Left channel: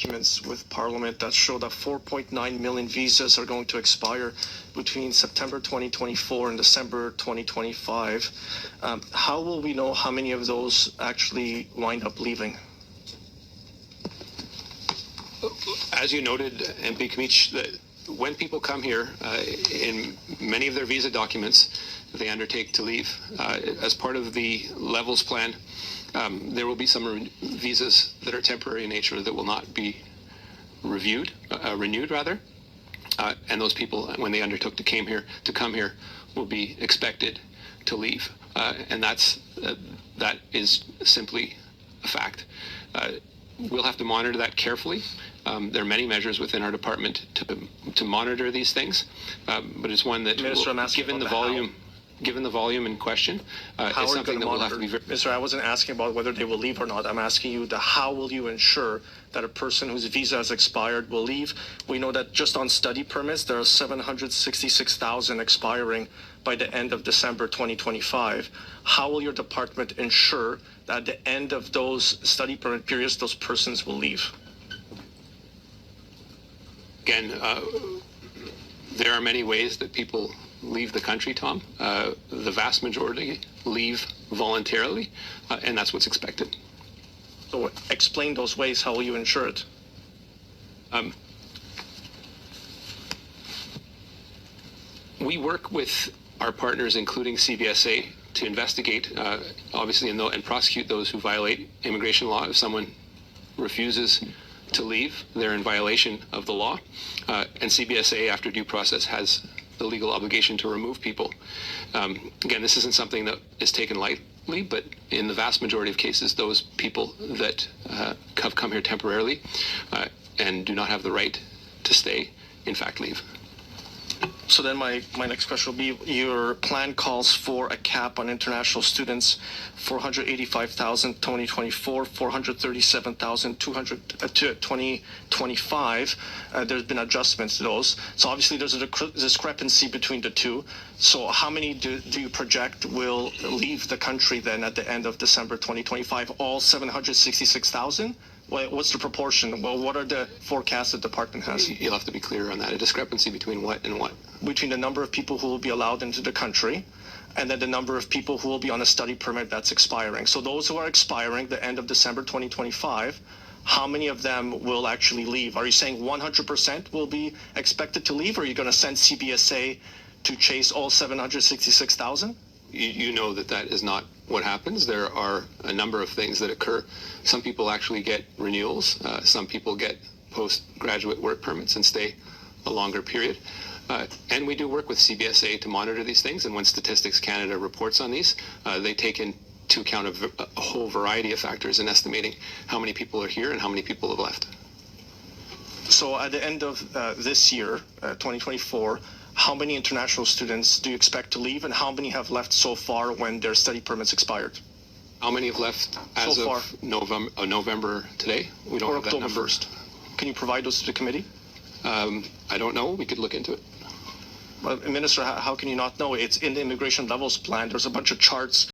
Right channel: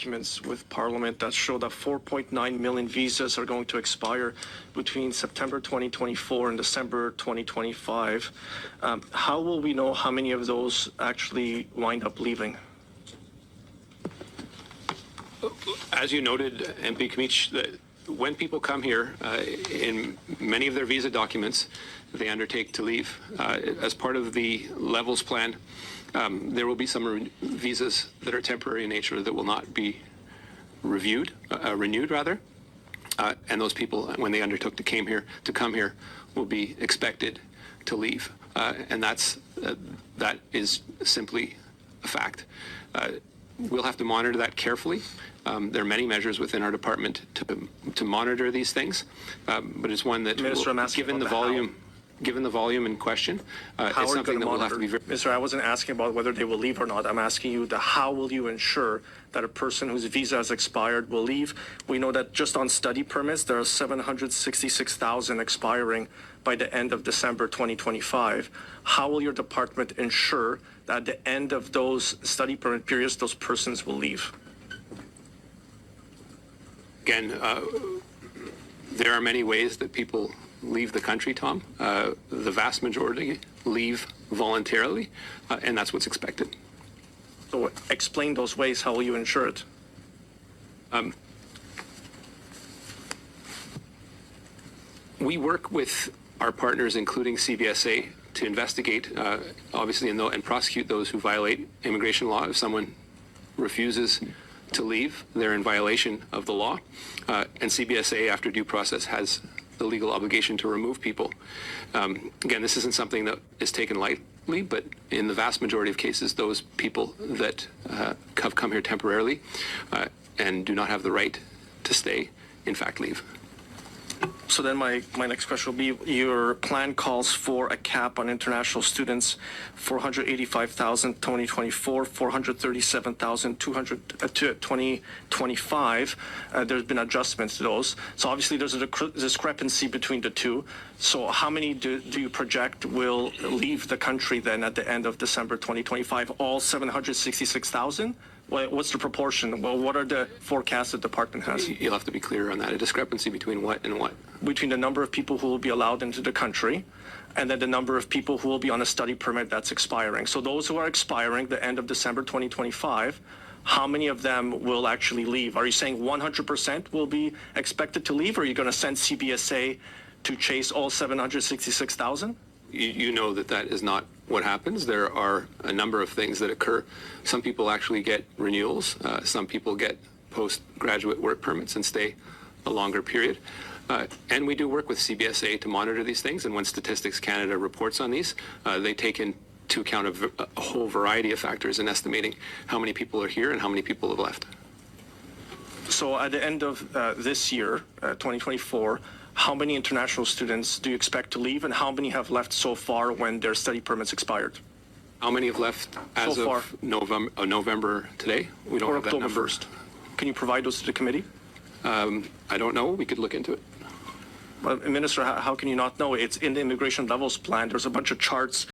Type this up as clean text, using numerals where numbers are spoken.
documents with Parliament that show that 4.9 million visas are going to expire between September 2024 and December 2025. How will we know how many of those actually wind up leaving? As you noted, MP Kamich, when people come here, in many of their visa documents, they undertake to leave. As part of the levels plan, there will be some visas that are temporary in nature that will not be renewed, and those people, when they undertook to come here, will be expected to leave, and that is simply a fact. We'll have to monitor that carefully. There are many measures within our department to monitor these things, but it's one that, given the volume in question, it's something that will have to be very... Minister, I wasn't asking about whether they will leave or not. I'm asking you how will you ensure that a person whose visa has expired will leave? We know that just on study permits, there are 766,000 expiring by the end of December 2025. How will your department ensure that at the end of those study permit periods, those persons will leave? Again, there are many ways that people leave the country, Tom. The vast majority leave voluntarily, and that's what's expected. So explain those ways. How will you ensure it? We work with our partners, including CBSA, to investigate, obviously, and prosecute those who violate immigration law. If someone refuses to leave, they're in violation of the law. And CBSA, after due process, has the legal obligation to remove people. Again, this isn't something that is taken lightly, but in the vast majority of cases, those people that have come here temporarily and do not have the right to stay, in fact, leave. So then my next question will be, your plan calls for a cap on international students, 485,000 2024, 437,000 2025. There's been adjustments to those. So obviously there's a discrepancy between the two. So how many do you project will leave the country then at the end of December 2025? All 766,000? What's the proportion? Well, what are the forecasts the department has? You'll have to be clear on that. A discrepancy between what and what? Between the number of people who will be allowed into the country and then the number of people who will be on a study permit that's expiring. So those who are expiring the end of December 2025, how many of them will actually leave? Are you saying 100% will be expected to leave, or are you going to send CBSA to chase all 766,000? You know that is not what happens. There are a number of things that occur. Some people actually get renewals. Some people get postgraduate work permits and stay a longer period. And we do work with CBSA to monitor these things. And when Statistics Canada reports on these, they take into account a whole variety of factors in estimating how many people are here and how many people have left. So at the end of this year, 2024, how many international students do you expect to leave, and how many have left so far when their study permits expired? How many have left as so of November today? We don't have that October number. 1st. Can you provide those to the committee? I don't know. We could look into it. Well, Minister, how can you not know? It's in the immigration levels plan. There's a bunch of charts